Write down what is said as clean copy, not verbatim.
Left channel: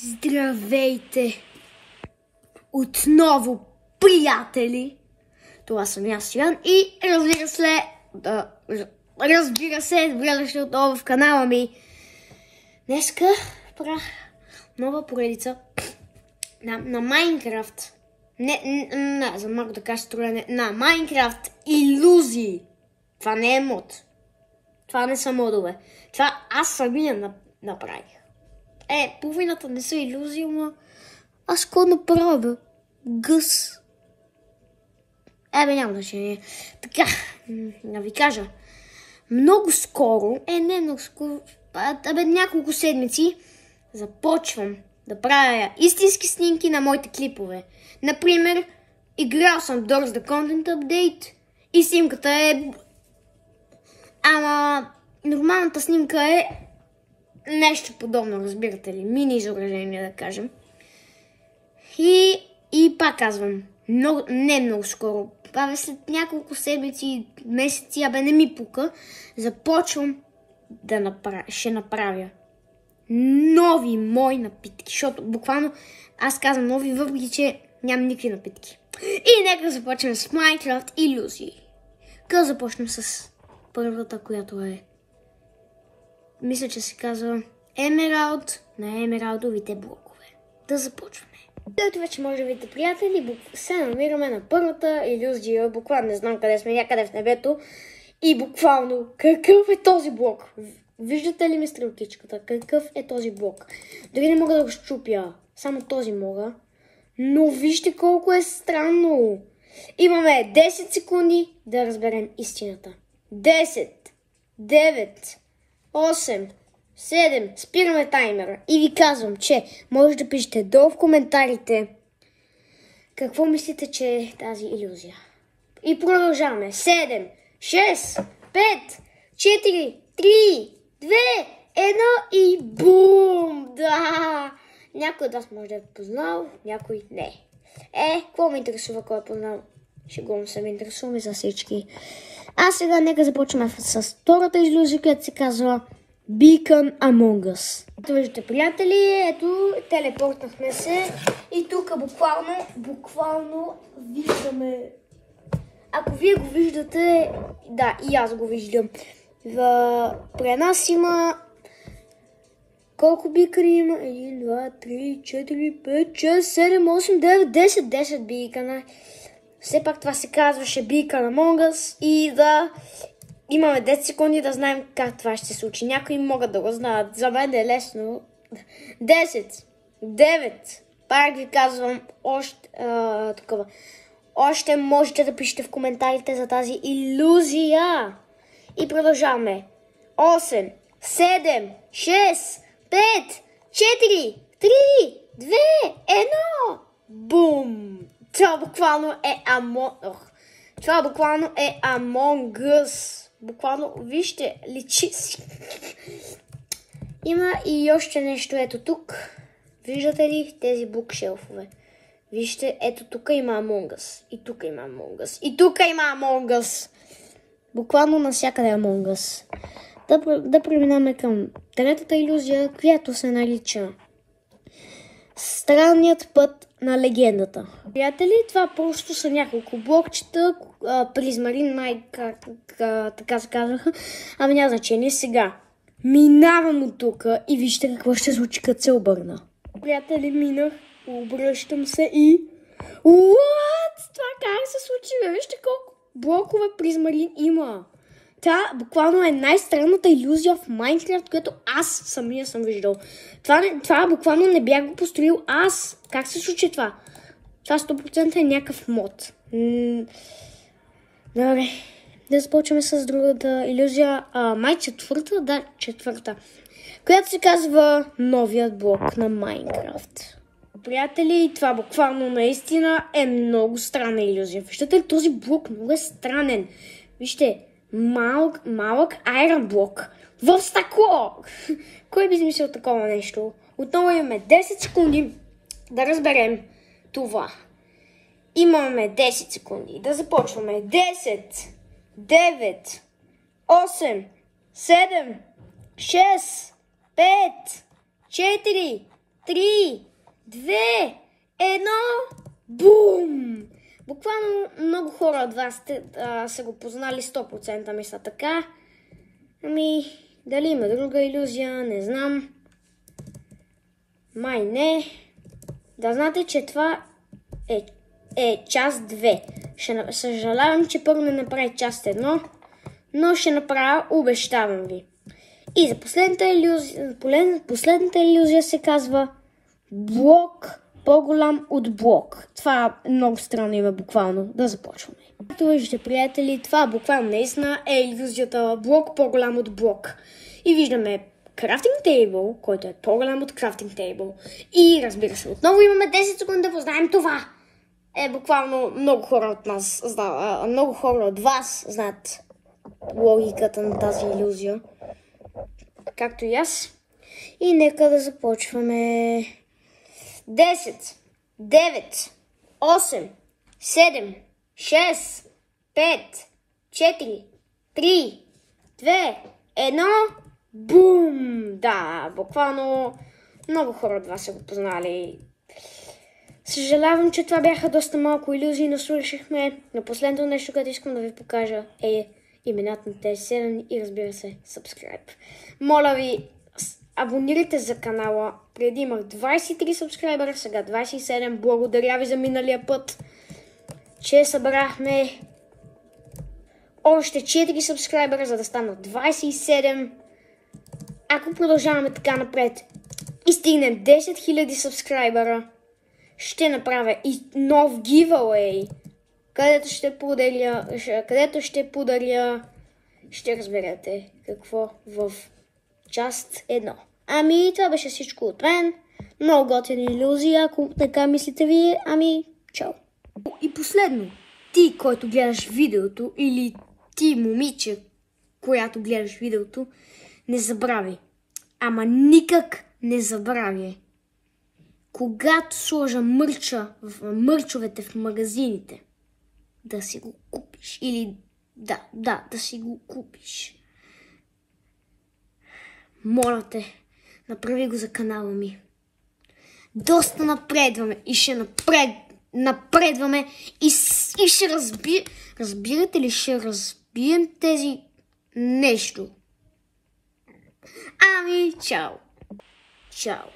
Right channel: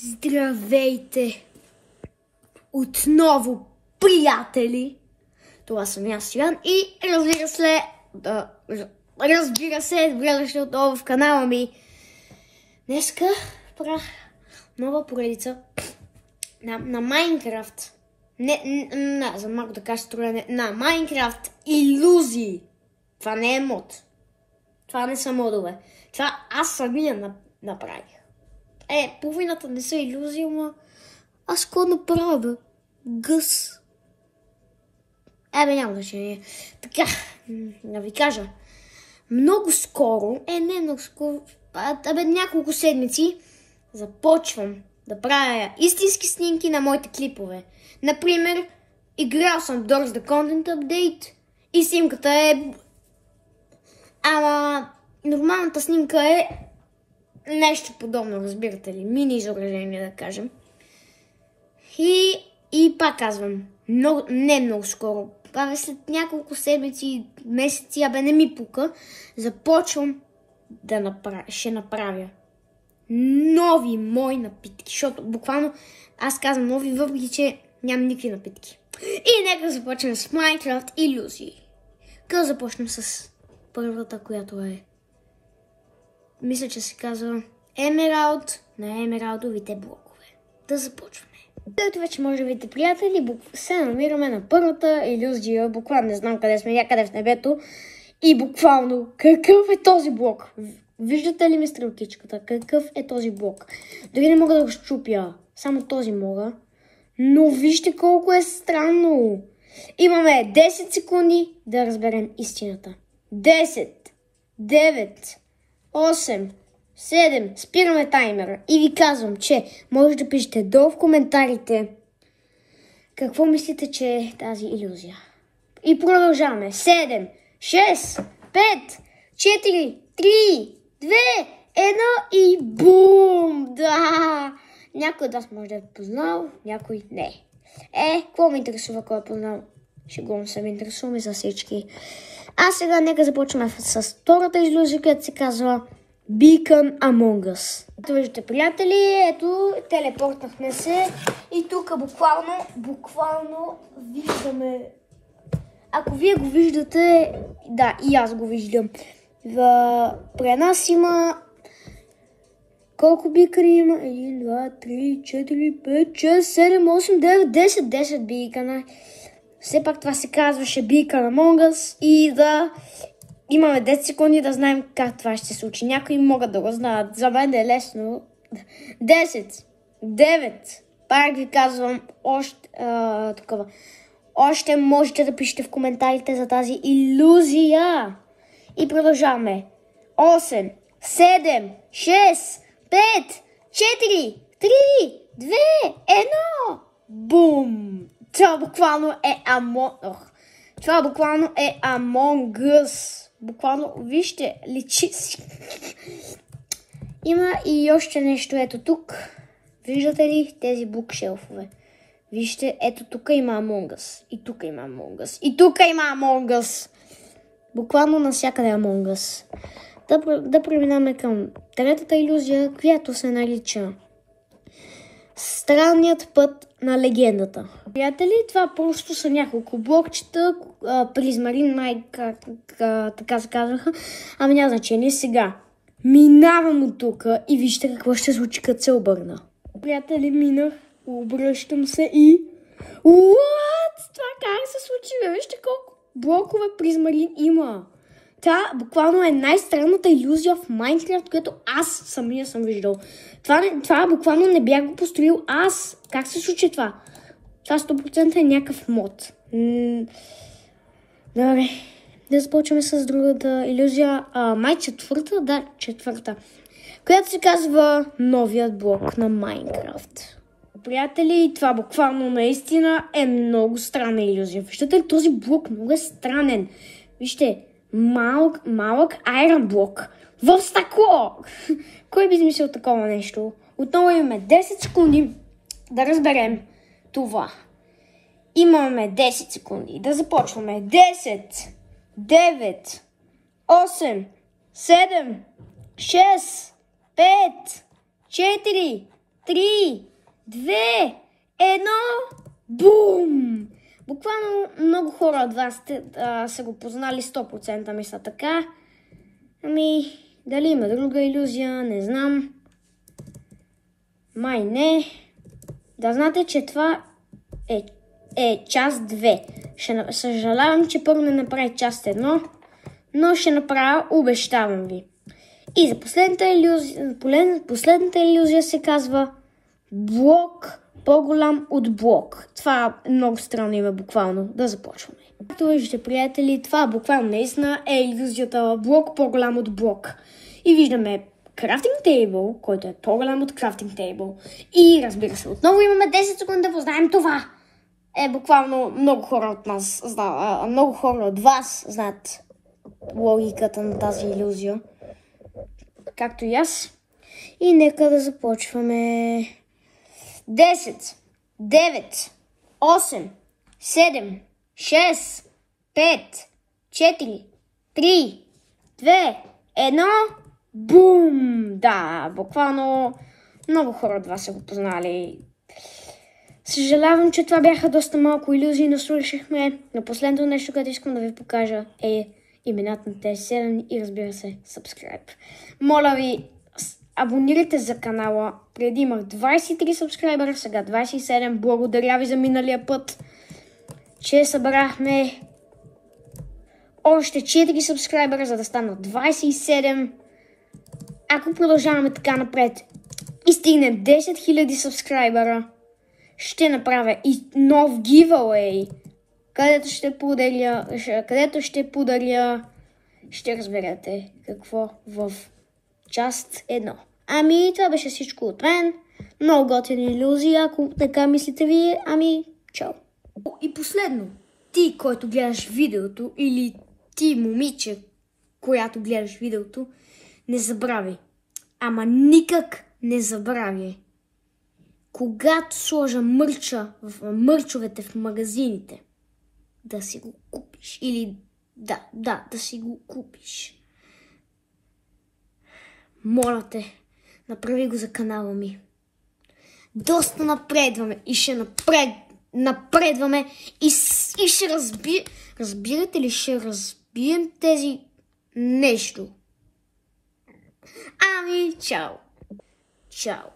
Здравейте! Отново, приятели! Това съм аз, Ян, и разбира се, добре дошли отново в канала ми. Днеска правя нова поредица на Майнкрафт. Не, за малко да кажа строене на Майнкрафт илюзии. Това не е мод. Това не са модове. Това аз самия направих. Половината не са илюзии, ама аз какво направя? Гъс. Няма значение. Така, да ви кажа. Много скоро, не много скоро, няколко седмици започвам да правя истински снимки на моите клипове. Например, играл съм Doors the Content Update и снимката е... Ама нормалната снимка е нещо подобно, разбирате ли? Мини изображение, да кажем. И пак казвам, не много скоро, след няколко седмици, месеци, не ми пука, започвам ще направя нови мои напитки, защото буквално аз казвам нови, въпреки че нямам никакви напитки. И нека започнем с Minecraft илюзии. Като започнем с първата, която е, мисля, че се казва Емералд на емералдовите блокове. Да започваме. Ето вече може да видите, приятели, се намираме на първата илюзия. Буквално не знам къде сме, някъде в небето. И буквално, какъв е този блок? Виждате ли ми стрелкичката? Какъв е този блок? Дори не мога да го щупя. Само този мога. Но вижте колко е странно. Имаме 10 секунди да разберем истината. 10, 9, 8, 7, спираме таймера и ви казвам, че може да пишете долу в коментарите какво мислите, че е тази илюзия. И продължаваме. 7, 6, 5, 4, 3, 2, 1 и бум! Да! Някой от вас може да е познал, някой не. Какво ме интересува, кой е познал? Шегувам се, ме интересуваме за всички. А сега нека започваме с втората илюзия, която се казва Beacon Among Us. Ето виждате, приятели, ето телепортнахме се и тук буквално виждаме. Ако вие го виждате, да, и аз го виждам. При нас има колко бикъри има? 1, 2, 3, 4, 5, 6, 7, 8, 9, 10 бикъна. Все пак това се казваше Beacon Among Us и да имаме 10 секунди да знаем как това ще се случи. Някои могат да го знаят. За мен е лесно. 10, 9, пак ви казвам, още можете да пишете в коментарите за тази илюзия. И продължаваме. 8, 7, 6, 5, 4, 3, 2, 1. Бум! Това буквално е Among Us. Буквално, вижте, личи си. Има и още нещо, ето тук. Виждате ли тези букшелфове? Вижте, ето тук има Among Us. И тук има Among Us. И тук има Among Us. Буквално навсякъде Among Us. Да преминаме към третата илюзия, която се нарича Странният път на легендата. Приятели, това просто са няколко блокчета, призмарин, така се казваха, ама няма значение. Сега минавам от тук и вижте какво ще случи, като се обърна. Приятели, минах, обръщам се и... What? Това как се случи? Вижте колко блокове призмарин има. Това буквално е най-странната илюзия в Майнкрафт, която аз самия съм виждал. Това буквално не бях го построил аз. Как се случи това? Това 100% е някакъв мод. Добре, да започваме с другата илюзия. Май четвърта? Да, четвърта. Която се казва новият блок на Майнкрафт. Приятели, това буквално наистина е много странна илюзия. Виждате ли, този блок много е странен. Вижте, малък айрон блок в стъкло. Кой би измислил такова нещо? Отново имаме 10 секунди да разберем това. Имаме 10 секунди да започваме. 10, 9, 8, 7, 6, 5, 4, 3, 2, 1, бум! Буквално много хора от вас са го познали 100%, мисля така. Дали има друга илюзия, не знам. Май не. Да знаете, че това е част 2. Съжалявам, че първо не направих част 1, но ще направя, обещавам ви. И за последната илюзия се казва блок по-голям от блок. Това е много странно име, буквално. Да започваме. Както виждате, приятели, това буквално наистина е илюзията блок по-голям от блок. И виждаме крафтинг тейбъл, който е по-голям от крафтинг тейбъл. И разбира се, отново имаме 10 секунди да познаем това. Буквално много хора от вас знаят логиката на тази илюзия. Както и аз. И нека да започваме. 10, 9, 8, 7, 6, 5, 4, 3, 2, 1, бум! Да, буквално много хора от вас са го познали. Съжалявам, че това бяха доста малко илюзии, но слушахме. Но последното нещо, което искам да ви покажа е имената на тези 7 и разбира се, subscribe. Моля ви, абонирайте за канала. Преди имах 23 сабскрайбера, сега 27. Благодаря ви за миналия път, че събрахме още 4 сабскрайбера, за да станат 27. Ако продължаваме така напред и стигнем 10 000 сабскрайбера, ще направя и нов giveaway, където ще подаря, ще разберете какво в част 1. Това беше всичко от мен. Много готини илюзии, ако така мислите ви. Чао. И последно, ти, който гледаш видеото, или ти, момиче, която гледаш видеото, не забравяй. Никак не забравяй. Когато сложа мърчовете в магазините, да си го купиш. Или да си го купиш. Моля те, направи го за канала ми. Доста напредваме и ще напредваме и ще разбирате ли, ще разбием тези нещо. Чао. Чао.